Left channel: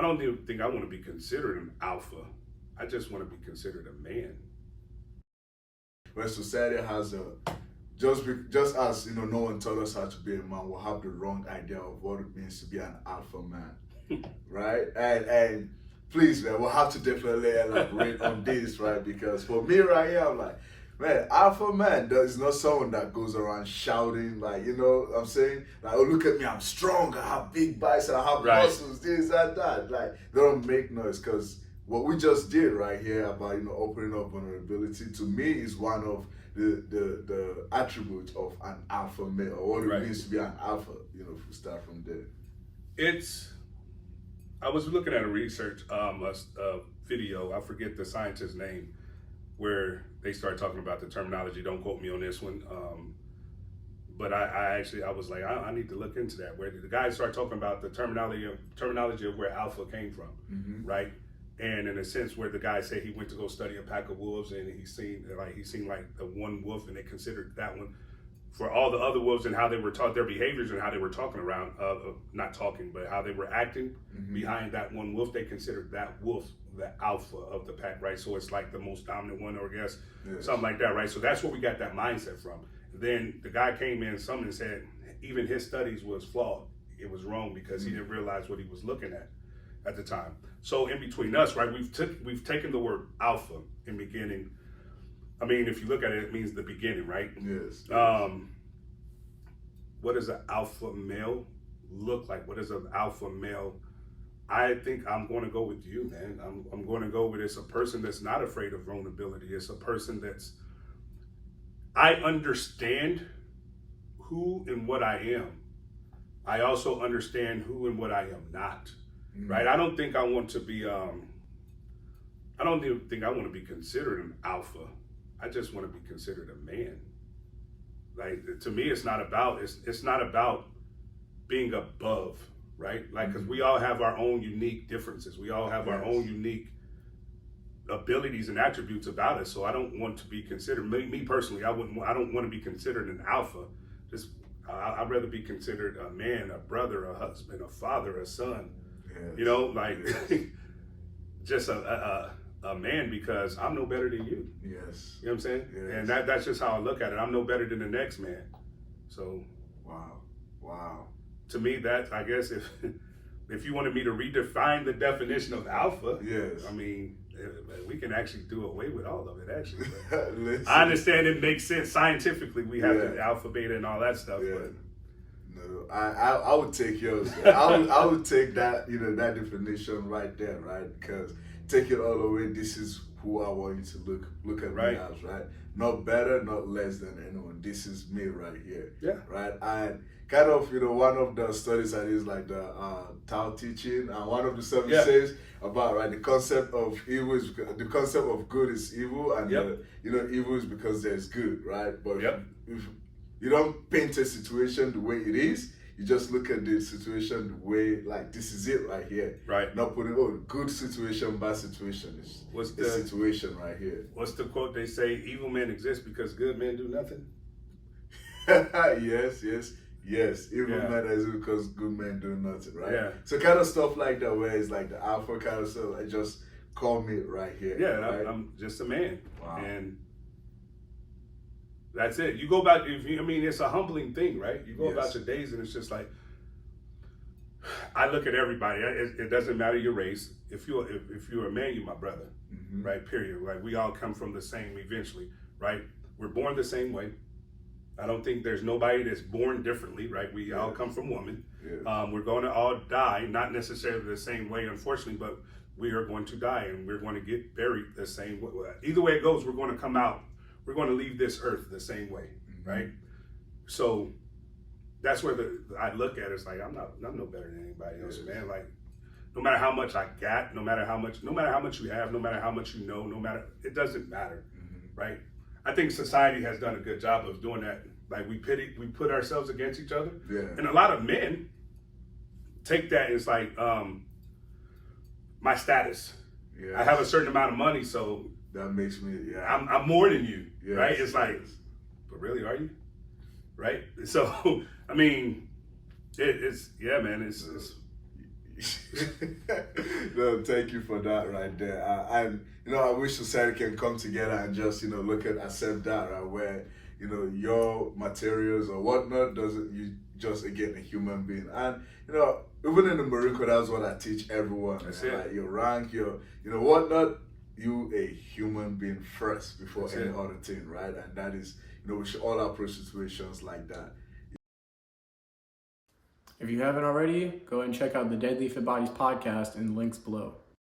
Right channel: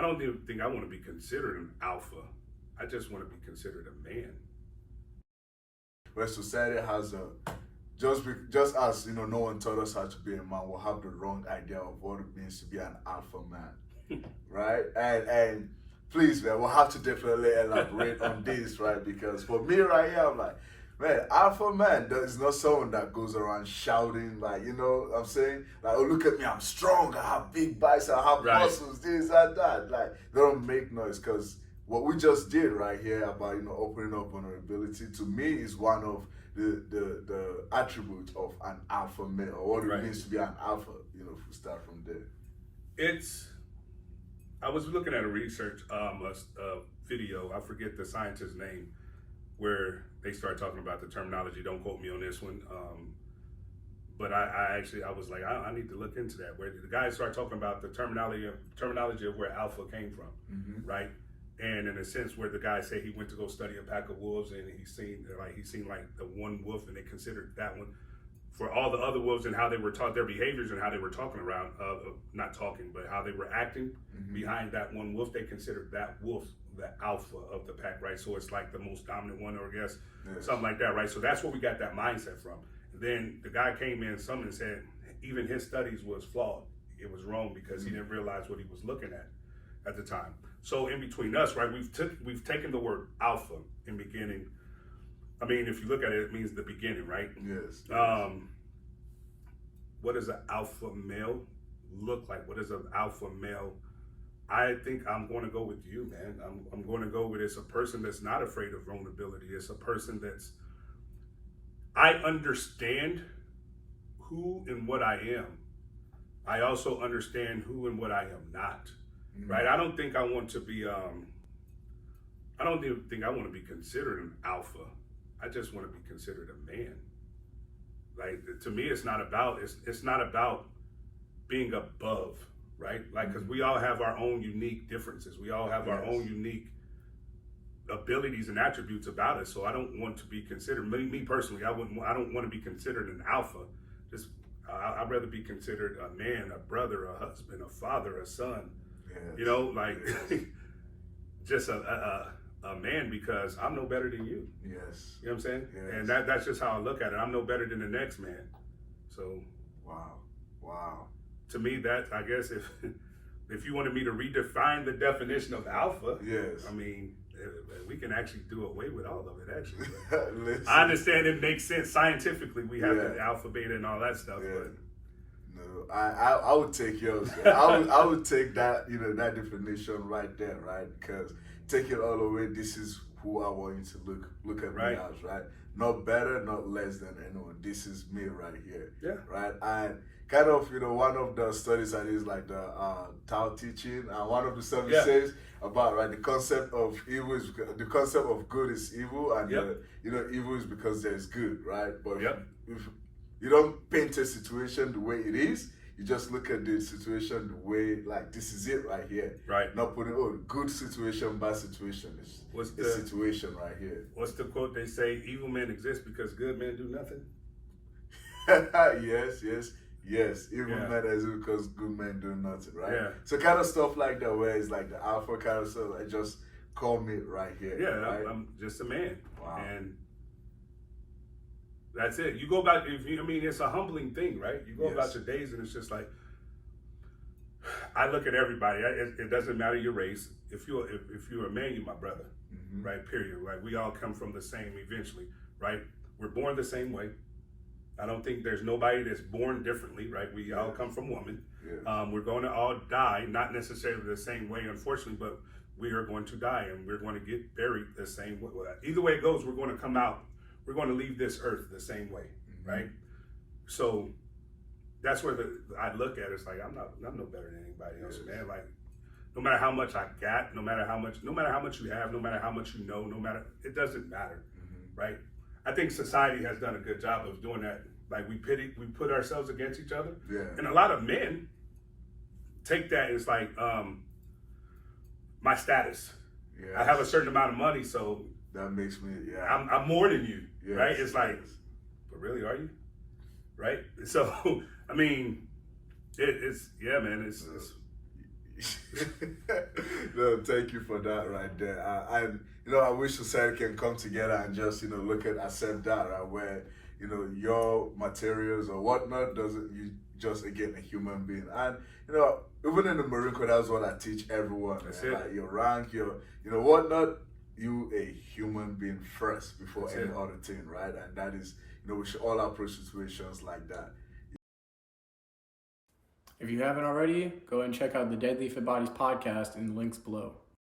I don't even think I want to be considered an alpha. I just want to be considered a man. Where society has a just as no one taught us how to be a man, we'll have the wrong idea of what it means to be an alpha man, right? And please, man, we'll have to definitely elaborate on this, right? Because for me, right here, I'm like, man, alpha man is not someone that goes around shouting like, what I'm saying, like, oh, look at me, I'm strong, I have big biceps, I have muscles, this and that. Like, they don't make noise, because what we just did right here about opening up vulnerability, to me, is one of the attributes of an alpha male, or what it means to be an alpha. If we start from there. I was looking at a research a video, I forget the scientist's name, where they started talking about the terminology. Don't quote me on this one. But I was like, I need to look into that. Where the guy started talking about the terminology of where alpha came from, right? And in a sense, where the guy said he went to go study a pack of wolves, and he seen like the one wolf, and they considered that one for all the other wolves, and how they were taught their behaviors and how they were talking around, not talking, but how they were acting behind that one wolf. They considered that wolf the alpha of the pack, right? So it's like the most dominant one, or I guess something like that, right? So that's where we got that mindset from. Then the guy came in, and said even his studies was flawed. It was wrong because he didn't realize what he was looking at the time. So in between us, right, we've taken the word alpha in beginning. I mean, if you look at it, it means the beginning, right? Yes. What does an alpha male look like? What is an alpha male? I think I'm going to go with you, man. I'm going to go with, it's a person that's not afraid of vulnerability. It's a person I understand who and what I am. I also understand who and what I am not, right? I don't think I want to be, I don't even think I want to be considered an alpha. I just want to be considered a man. Like, to me, it's not about being above, right? Like, because we all have our own unique differences. We all have our own unique abilities and attributes about us. So I don't want to be considered, me personally, I don't want to be considered an alpha. I'd rather be considered a man, a brother, a husband, a father, a son. Yes. Just a man, because I'm no better than you. Yes. You know what I'm saying? Yes. And that's just how I look at it. I'm no better than the next man. So wow. To me, that, I guess, if you wanted me to redefine the definition of alpha, yes, I mean, we can actually do away with all of it, actually. I understand it makes sense scientifically. We have the alpha, beta, and all that stuff. Yeah. But no, I would take yours. I would take that, that definition right there, right? Because take it all the way. This is who I want you to look at me as, right? Not better, not less than anyone. This is me right here. Yeah. Right. And kind of, one of the studies that is like the Tao teaching, and one of the studies says about the concept of evil is the concept of good is evil, and evil is because there's good, right? But if you don't paint a situation the way it is, you just look at the situation the way, like, this is it right here. Right. Not putting, good situation, bad situation. It's the situation right here. What's the quote they say? Evil men exist because good men do nothing. Yes. Evil men exist because good men do nothing, right? Yeah. So kind of stuff like that, where it's like the alpha kind of stuff, I just call me right here. Yeah, right? I'm just a man. Wow. And that's it. You go back, it's a humbling thing, right? You go about your days, and it's just like, I look at everybody. It doesn't matter your race. If you're a man, you're my brother, right? Period. Like, we all come from the same eventually, right? We're born the same way. I don't think there's nobody that's born differently, right? We all come from woman. Yes. We're going to all die, not necessarily the same way, unfortunately, but we are going to die, and we're going to get buried the same way. Either way it goes, we're going to come out. We're going to leave this earth the same way, right? So that's where I look at it. It's like, I'm no better than anybody else, man. Like, no matter how much I got, no matter how much you have, no matter how much you know, it doesn't matter, right? I think society has done a good job of doing that. Like, we put ourselves against each other. Yeah. And a lot of men take that as like, my status. Yes. I have a certain amount of money, so that makes me, I'm more than you, right? It's like, but really, are you? Right? So, I mean, it's man, it's No, thank you for that right there. And I wish society can come together and just accept that, right? Where your materials or whatnot doesn't you just again a human being. And even in the Marine Corps, that's what I teach everyone. That's Man. it. Like your rank, your whatnot, you a human being first before That's any it. other thing, right? And that is we should all approach situations like that. If you haven't already, go and check out the Deadly Fit Bodies podcast in the links below.